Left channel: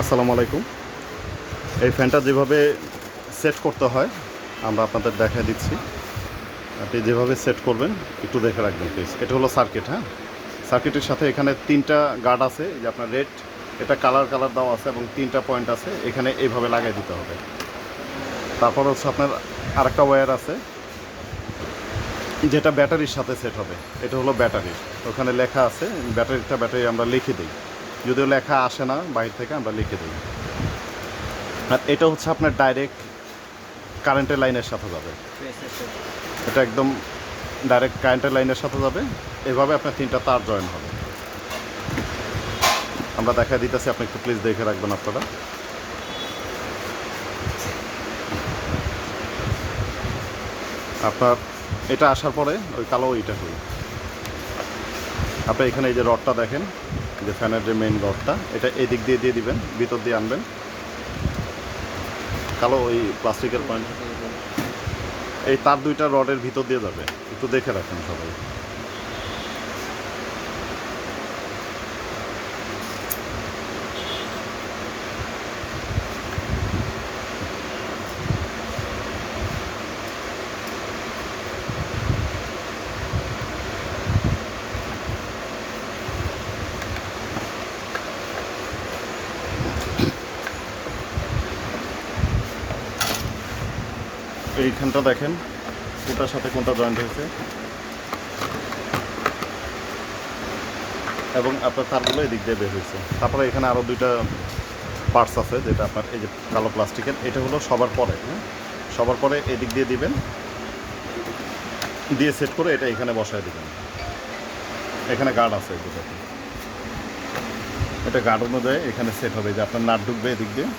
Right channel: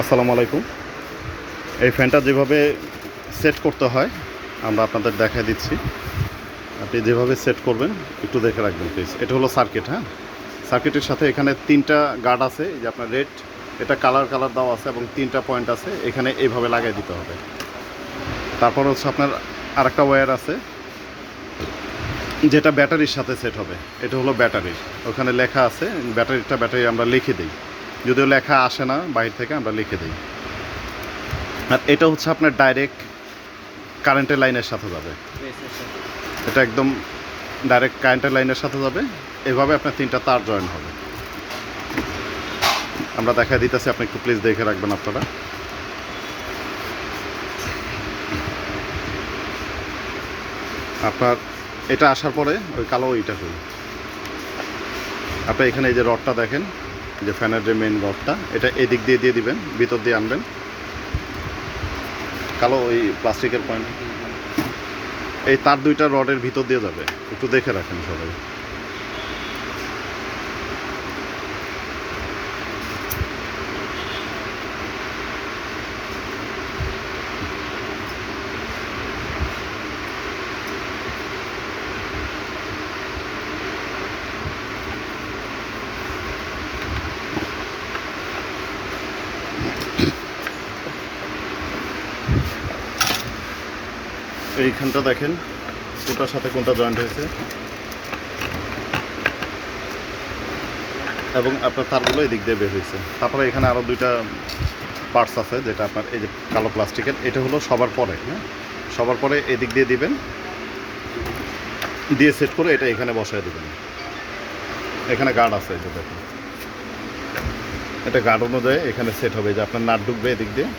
আসসালামু আলাইকুম। এই ফ্যানটা যেভাবে সেট করতে হয় আমরা আপনাদের দেখায় দিচ্ছি। আপনি যেভাবে সেট করবেন একটু দেখে রাখবেন প্লিজ। এটা হলো সার্কিট, হ্যাঁ? সার্কিটের সাথে এখানে ৩টা গার্ড আছে। এই যে আপনার রেড, এটা কালার দেওয়া আছে এবং 3টা পয়েন্ট আছে। এখানে এইভাবে লাগাই দিতে হবে। তারপর হচ্ছে আপনার আরেকটা ওয়্যার আছে যেটা ব্যাটারির সাথে সেট হবে। এটা হলো ব্যাটারির। ওখানে লেখা আছে ব্যাটারি আমরা লিখে দিই। যদিও লেখা আসে না বাইরে থেকে, আমরা লিখে দিই। আর এটা হচ্ছে আপনার ডাইরেক্ট কারেন্টের লাইনের সাথে যাবে। এটা একদম ডাইরেক্ট কারেন্টের লাইনের সাথে যাবে। এভাবে আপনার 3টা তার জয়েন হবে। আমরা দেখা দিতেছি, আপনি একটু প্লিজ দেখে রাখবেন আপনারা। আপনার এটা আসার পরে ওই কালো ওইটা করি আপনি এখানে এই যে রডটা দেখেন, যে ফ্যানের যে মেইন রডটা, এটা এদিক দিয়ে দিয়ে দিবেন, ভিতর দিয়ে আনবেন। কালো ওই প্লাস্টিকের পয়েন্ট এই তার 2টা রডের ভিতর দিয়ে যাবে। একটু দেখে রাখেন সবাই। এইখানটা দেখেন কোনটার সাথে কোনটা জয়েন্ট হয়েছে, এবং আপনার তারগুলো এদিক দিয়ে বের হয়েছে। তারপরে এখানে আরও 2টা পার্টস আছে, যেটা আপনার এই যে কালো প্লাস্টিকের, এটা হলো সবার পরে, হ্যাঁ? সবার পরে এদিক দিয়ে দিবেন, দিয়ে সেট করে এটা এখানে বসায় দিবেন। এখানে গার্ড আছে, এই যে দেখুন, এটা গার্ড অনুযায়ী এখানে সেট হবে। যে আপনার নাট ঢুকবে এদিক দিয়ে,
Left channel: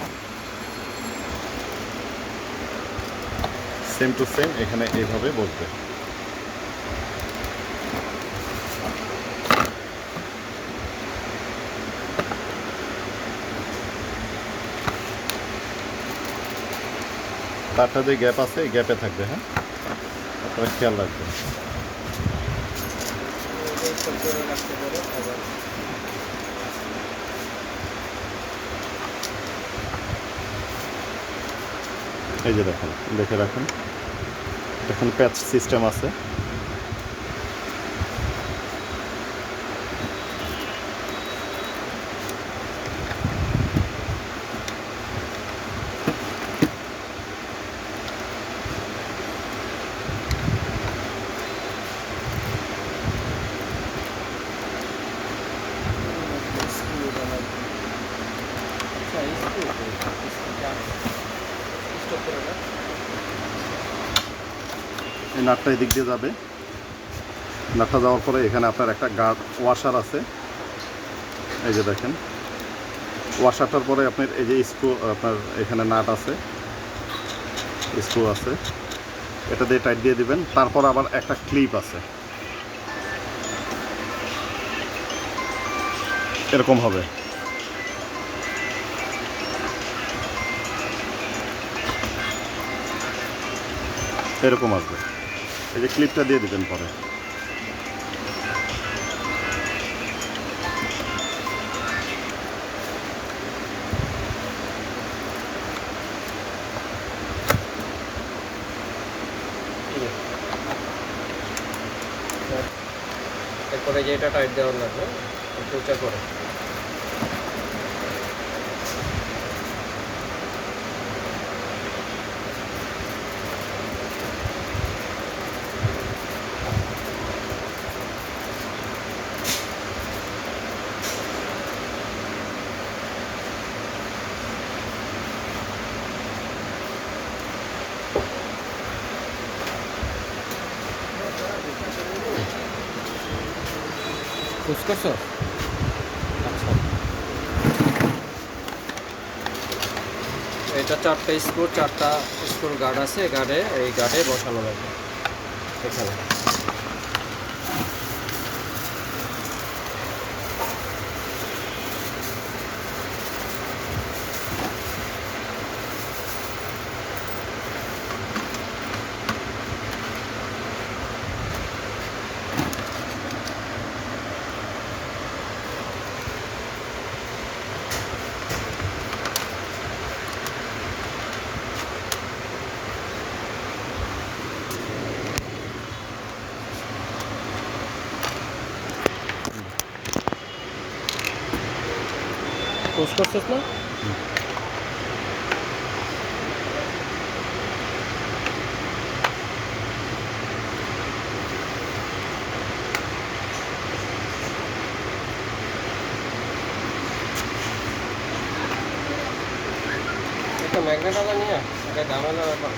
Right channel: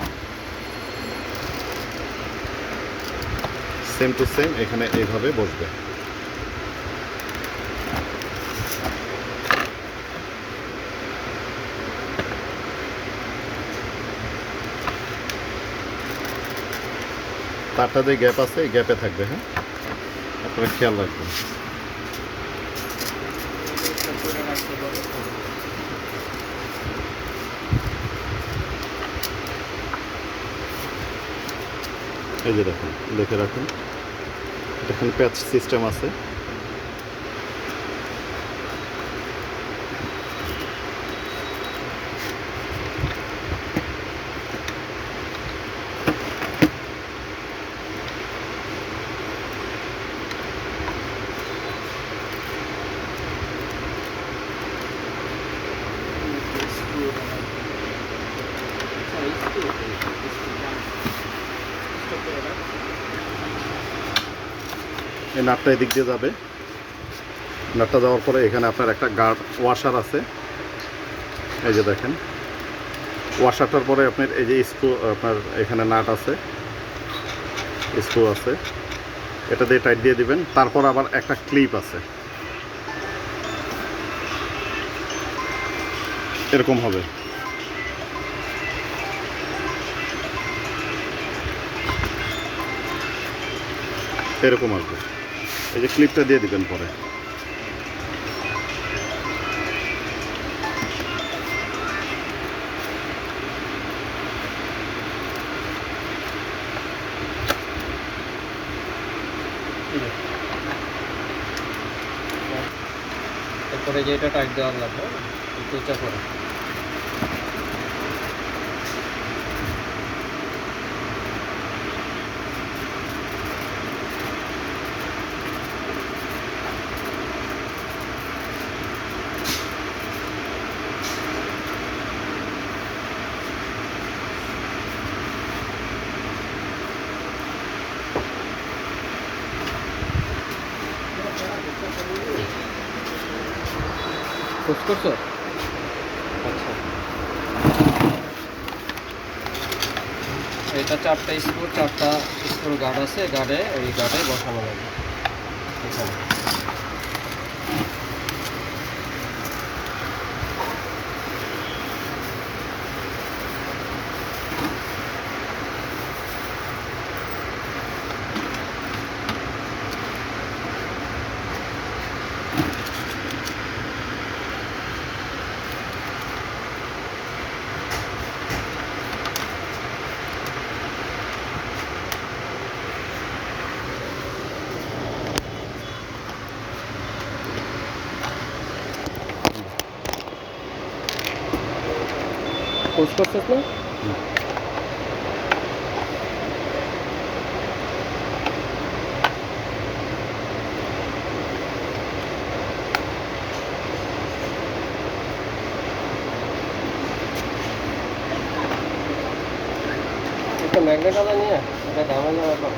সেম টু সেম এখানে এইভাবে বসবে। তারটা যে গ্যাপ আছে এই গ্যাপে থাকবে, হ্যাঁ? আপনারা খেয়াল রাখবেন। এই যে দেখেন, দেখে রাখেন, এখানে প্যাচ সিস্টেম আছে। এই নাটটা এদিক দিয়ে যাবে। নাটটা যাওয়ার পরে এখানে আপনার একটা গার্ড ওয়াশার আছে। এই যে দেখেন, ওয়াশারটার পরে আপনার এই যে স্ক্রু, আপনার এখানে নাট আছে, স্ক্রু আছে, এটা দিয়ে টাইট দিয়ে দিবেন। তারপর আবার একটা ক্লিপ আছে, এরকম হবে। এরকম আসবে। এই যে ক্লিপটা দিয়ে দিবেন পরে। তারপরে যে এটা টাইট দেওয়ার লাগবে একটু উঁচা করে। পুশ করছো? এটা 4টা স্ক্রু গার্ড আছে, এই গার্ডে বসানো লাগবে এখানে। পোস্ট করছিস না? একটা ম্যাগনেট আলা নিয়ে এটা ঝামেলা ব্যাপার।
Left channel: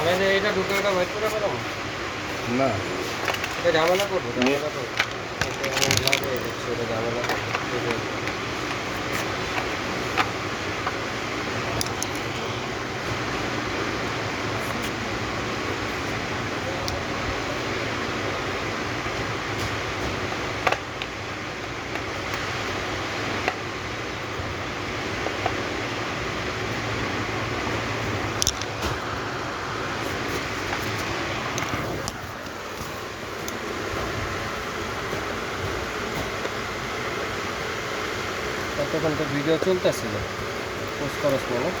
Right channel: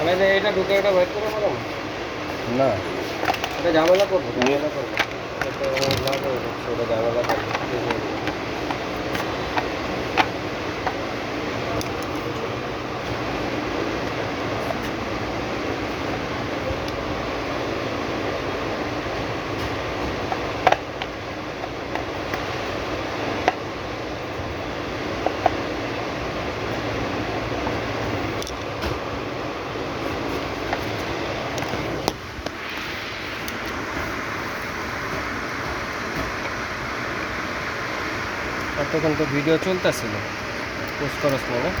আমি যে এটা দুটো এটা বের করে পেলাম না এটা ঝামেলা করবো ঝামেলা করবো এটা লাভ হয়ে যাচ্ছে এটা ঝামেলা করবো। তখন তো ভিডিও চলতেছিল পোস্ট করার সময়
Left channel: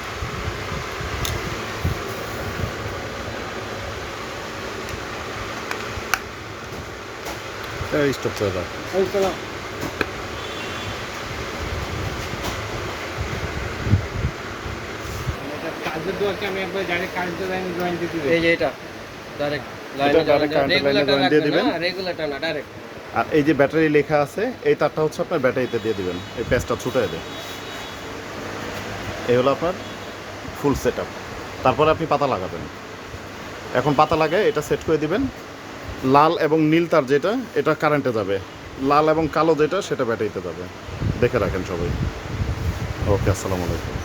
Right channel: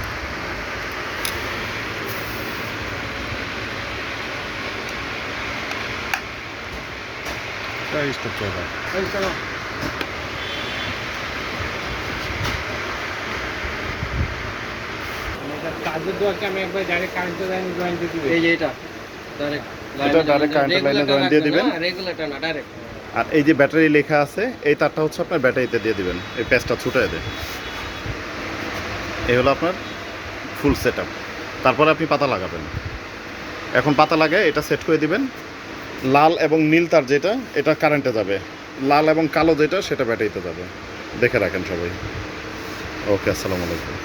স্টপ করে দাও। কাজের দোয়াকে আমি একবার ডাইরেক্ট কারেন্টের লাইনে জয়েন দিয়ে দিব। এই যে এটা ডাইরেক্ট এটা ডাইরেক্ট কারেন্টের লাইনে জয়েন দিয়ে দিবেন। রেগুলেটর না ডাইরেক্ট। আর এই যে ব্যাটারি লেখা আছে এই তারটা হচ্ছে আপনার ব্যাটারিতে দিয়ে দিবেন, এই প্যাচটা ছুটায় দেয়। এই হলো আপনার ফুল সেট আপ। তারপরে আপনি পাতা লাগাবেন। এখন পাতা লাগায় এটা সেট করে দিবেন। লাল এবং নীল তার যেটা এটা কারেন্টে যাবে, লাল এবং কালো যেটা সেটা ব্যাটারিতে যাবে। দেখে রাখেন সবাই। ওকে, আসসালামু আলাইকুম।